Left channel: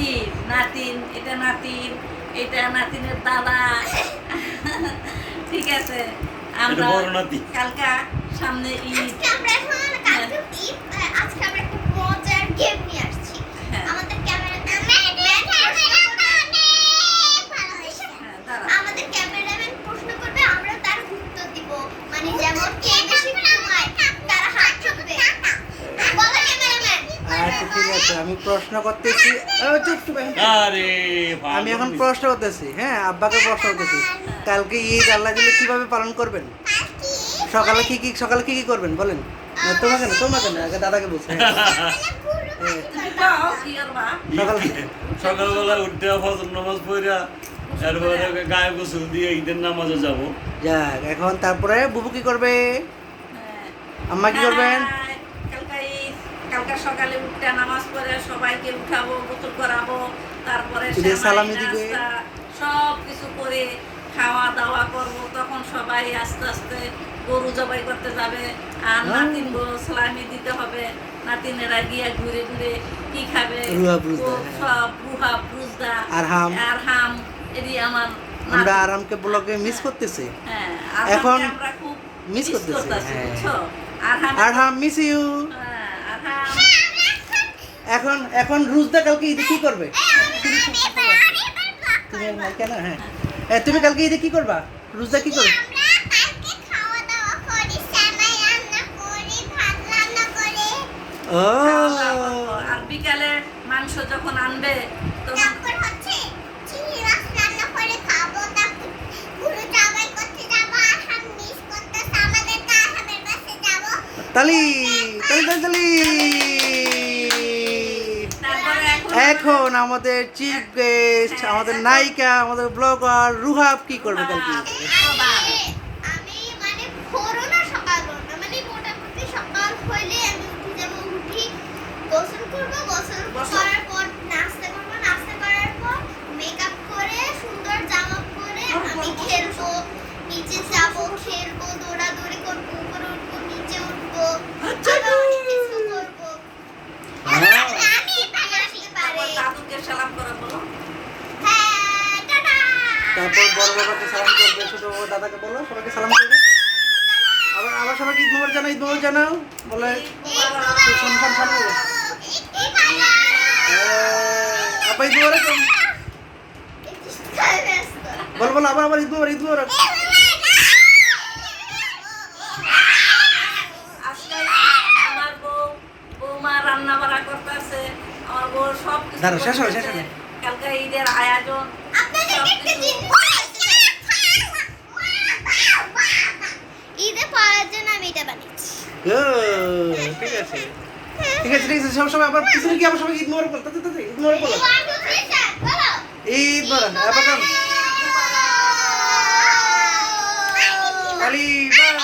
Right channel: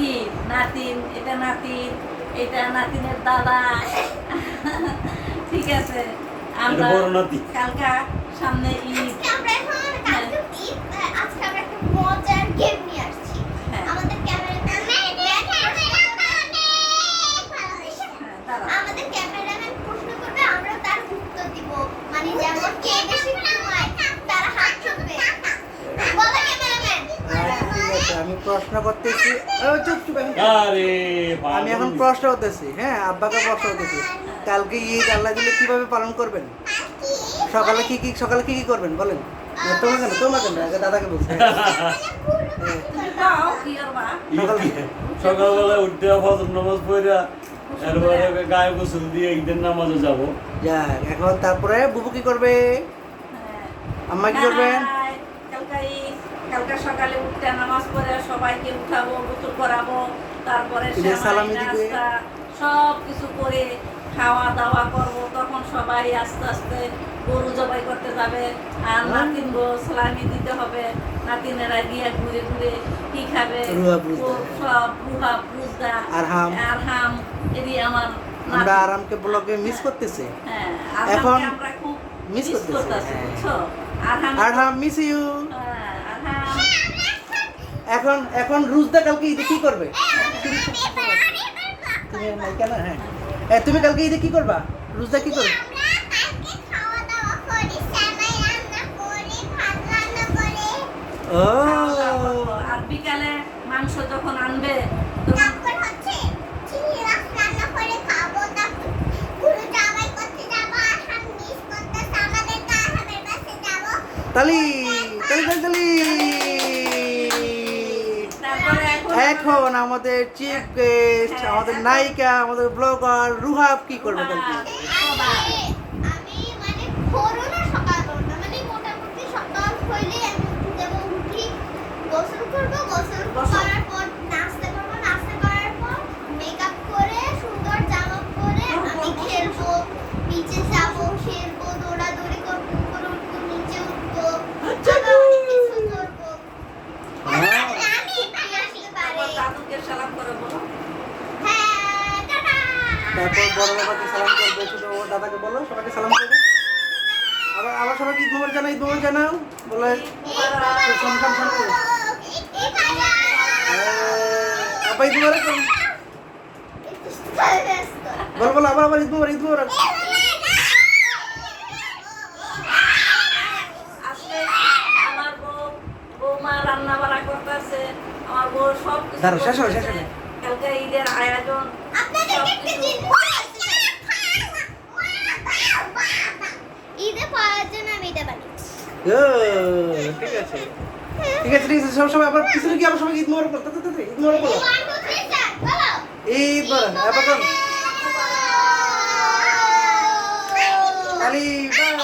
কি নাতিন, এটা নাতিন, এটা নাতিনের দাদা। ঠিক আছে, আমরা কালকা সামনে ঈদ, আজকে আমরা একটা মজার গেম নিয়ে আসছি। আমাদের ক্যামেরাম্যান প্রশ্ন করবে, আমরা তার উত্তর দিব। মানে যেমন কে বেশি ঘুমায় তার হাত ছুটবে। বলো ক্যামেরাম্যান। ঠিক আছে, আমি প্রশ্ন করতেছি। আমি এখন প্রশ্ন করতেছি। হ্যাঁ, আব্বাকে প্রশ্ন করতেছি। কালকে ঈদ আল্লাহ দিলে কিভাবে পালন করবেন? সকালে কি কি করবেন বলেন? তোমাকে না, আগে দাদাকে বলছি। সকালবেলা উঠতে ফজর নামাজ পড়া, এরপরে গায়ে গোসল দিয়ে ঈদের নামাজে যাবো। যাক, এখন তারপরে বুবু কি করবে? আম্মা কি করবেন? কালকে সকালে উঠতে নামাজ পড়ে সবাইকে উঠাবো, গোসল করাবো, তারপরে সালামি দিবে, সব কিছু করে খাওয়া দাওয়া করবো। তখন সবাই আস্তে আস্তে গরু জবাই করতে যাবে, আর নাতিন সালামি দিতে হবে। নাতিনেরা গিয়ে ঘুরে ঘুরে কি খাবে, সব রুহা বুজদা আর হাম। এদি আমার আমরা আরামকে ব্লগে মিস করতেছে। হ্যাঁ, এখন আমরা খুব মিস করতেছি। বুঝছো? আর হাম মিস ইউ। এখন রুজদা কালকে ঈদে কি করবে? কেন? হ্যাঁ, তুমি কালকে ঈদে কি করবা? রুজদা কি করবে? ও, আর বিকালে মাংস যখন আনবে এখন আমাদের চিফ গেস্ট, আমাদের নায়িকা, আমাদের ব্লগার রুহাব কি করবে কালকে? আমি মানে ভোরও না সকাল করবো, মানে মোটামুটি সকাল হইলে আমি উঠে যাবো, উঠি গোসল করবো, গোসল করার পর নাস্তা করবো, নাস্তা করার পর মেকআপ করে সুন্দর জামা পরে আমি খেলবো, নিচে যাবো, খেলবো, দৌড়াদৌড়ি করবো, উপরে উঠবো, নিচে উঠবো, কিছু করবো। দাদুকে সালাম করে বলো। হ্যাঁ, টাটা। তারপর বড় বাবাকে সালাম করবে, ছোট দাদাকে বলো সবাইকে সালাম করবে। আবার সবাইকে ঈদ মোবারক জানাও, ঈদ মোবারক জানাও বলে শুনশান শুনবো। আপা ঈদ মোবারক বলো আবার ঈদ মোবারক, ঈদ মোবারক। আজকে আমার বৌমা রান্না বাড়া করতেছে, আমার বউ সব কিছু করতেছে। কালকে ঈদের আয়োজন, ঈদে পড়ার জন্য আমি এটা বানিয়েছি। ঠিক আছে, সবাই আবার পিছনে কি আবার সবাই ঈদ মোবারক বলতে ঈদ মোবারক বলো, ঈদ মোবারক। আবার কোন আলি বাই।